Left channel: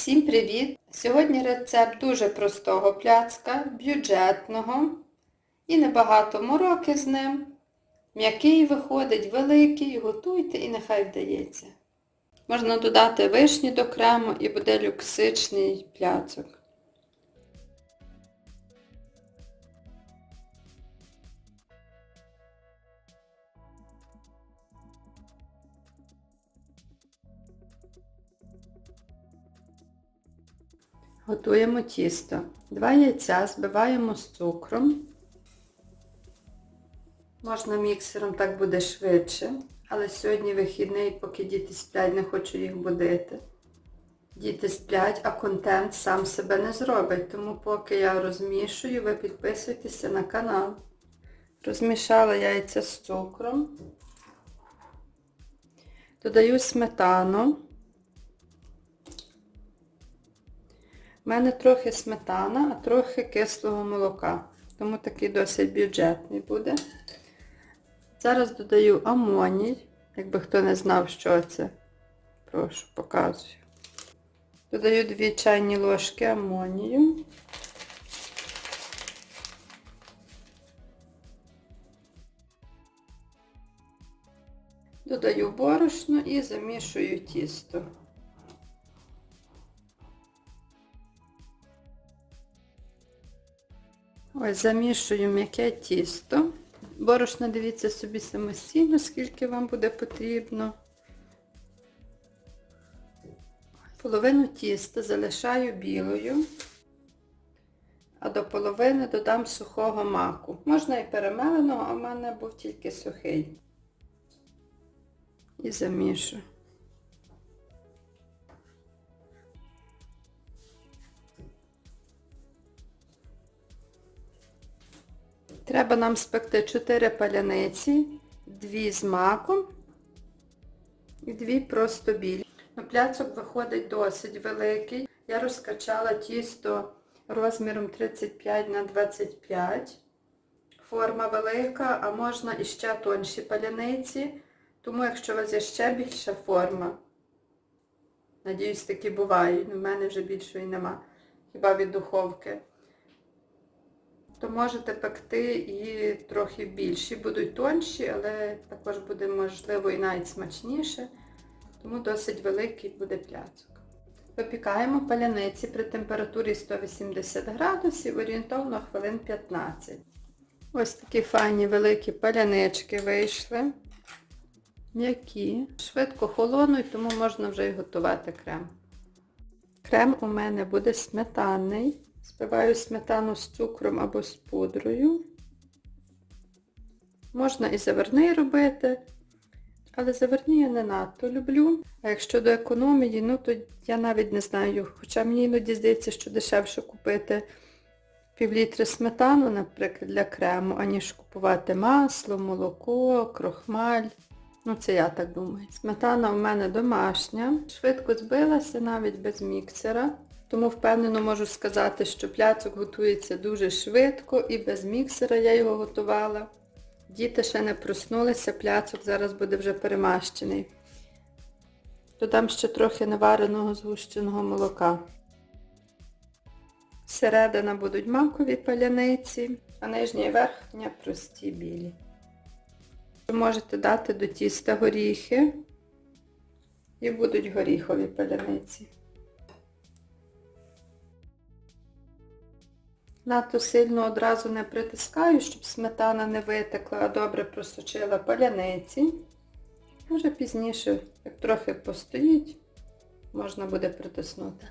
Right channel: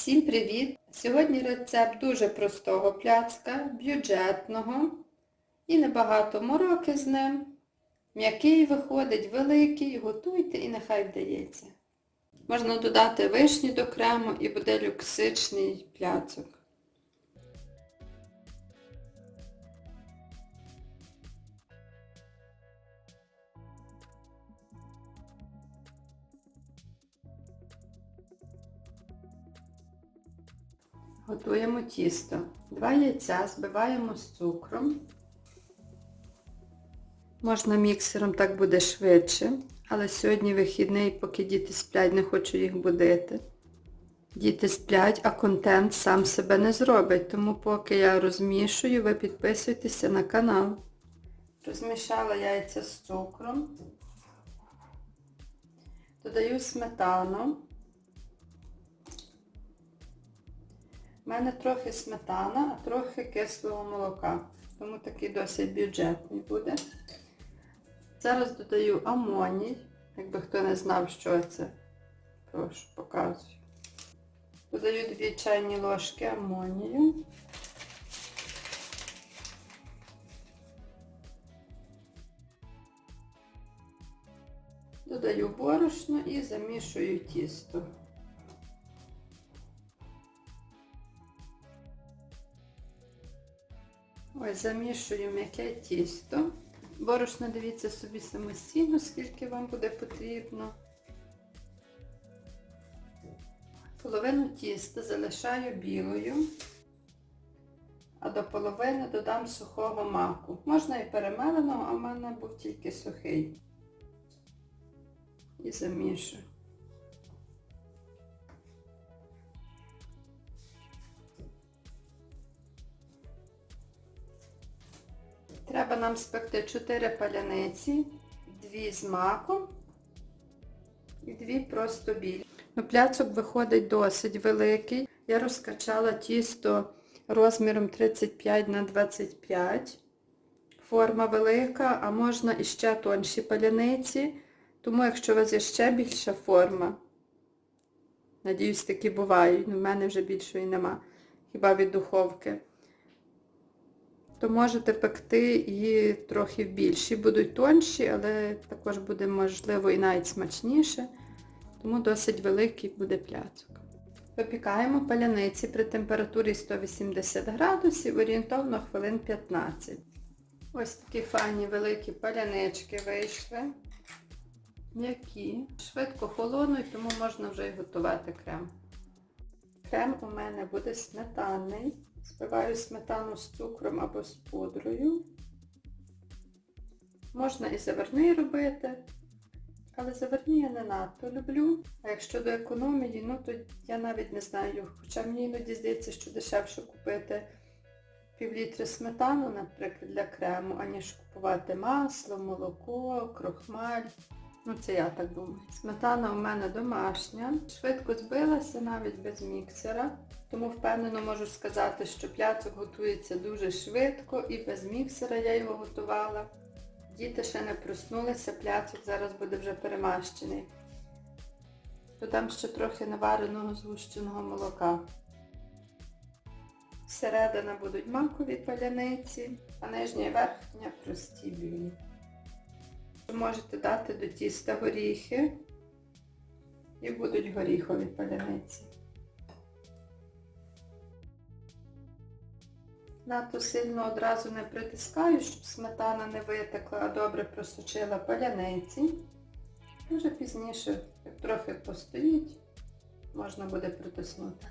Всім привіт! Сьогодні рецепт дуже простого пляцка, бюджетного і небагато мороки з ним. М'який виходить, великий, готуйте і нехай вдається. Можна додати вишні до крему і буде люксичний пляцок. Готуємо тісто. Два яйця збиваємо з цукром. Можна міксером, так буде швидше. Але сьогодні вихідний, поки діти сплять, не хочу їх будити. Діти сплять, а контент сам себе не зробить. Тому поки я розмішую, ви підписуйтеся на канал. Розмішала яйця з цукром. Додаю сметану. У мене трохи сметана, а трохи кислого молока. Тому такий досить бюджетний буде. Зараз додаю амоній, якби хто не знав, що це. Прошу, показую. Додаю 2 чайні ложки амонію. Додаю борошно і замішую тісто. Ось замішую м'яке тісто. Борошно дивіться собі самостійно, скільки вам буде потрібно. Половину тіста залишаю білою, а до половини додам сухого маку. Можна і перемеленого, а в мене був тільки сухий. І замішую. Треба нам спекти 4 паляниці, 2 з маком і 2 просто білі. Ну, Пляцок виходить досить великий. Я розкачала тісто розміром 35 на 25. Форма велика, а можна іще тонші паляниці. Тому якщо у вас є ще більша форма, надіюсь, такі бувають, ну в мене вже більшої нема, хіба від духовки то можете пекти і трохи більші. Будуть тонші, але також буде, можливо, і навіть смачніше, тому досить великий буде пляцок. Випікаємо паляниці при температурі 180 градусів, орієнтовно хвилин 15. Ось такі файні великі палянички вийшли. М'які, швидко холонуть, тому можна вже і готувати крем. Крем у мене буде сметанний. Збиваю сметану з цукром або з пудрою. Можна і заварний робити, але заварні я не надто люблю. А якщо до економії, ну то я навіть не знаю. Хоча мені іноді здається, що дешевше купити півлітри сметану, наприклад, для крему, аніж купувати масло, молоко, крохмаль. Ну це я так думаю. Сметана у мене домашня. Швидко збилася навіть без міксера. Тому впевнено можу сказати, що пляцок готується дуже швидко і без міксера я його готувала. Діти ще не проснулися, пляцок зараз буде вже перемащений. Додам ще трохи навареного згущеного молока. Середина будуть макові паляниці, а нижня і верхня прості білі. Можете дати до тіста горіхи і будуть горіхові паляниці. Надто сильно одразу не притискаю, щоб сметана не витекла, а добре просочила паляниці. Може пізніше, як трохи постоїть, можна буде притиснути.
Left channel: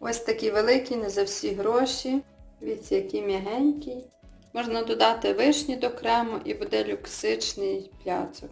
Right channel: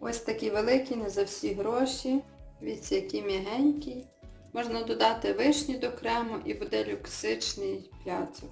Ось такий великий, не за всі гроші. Дивіться, який м'ягенький. Можна додати вишні до крему і буде люксичний пляцок.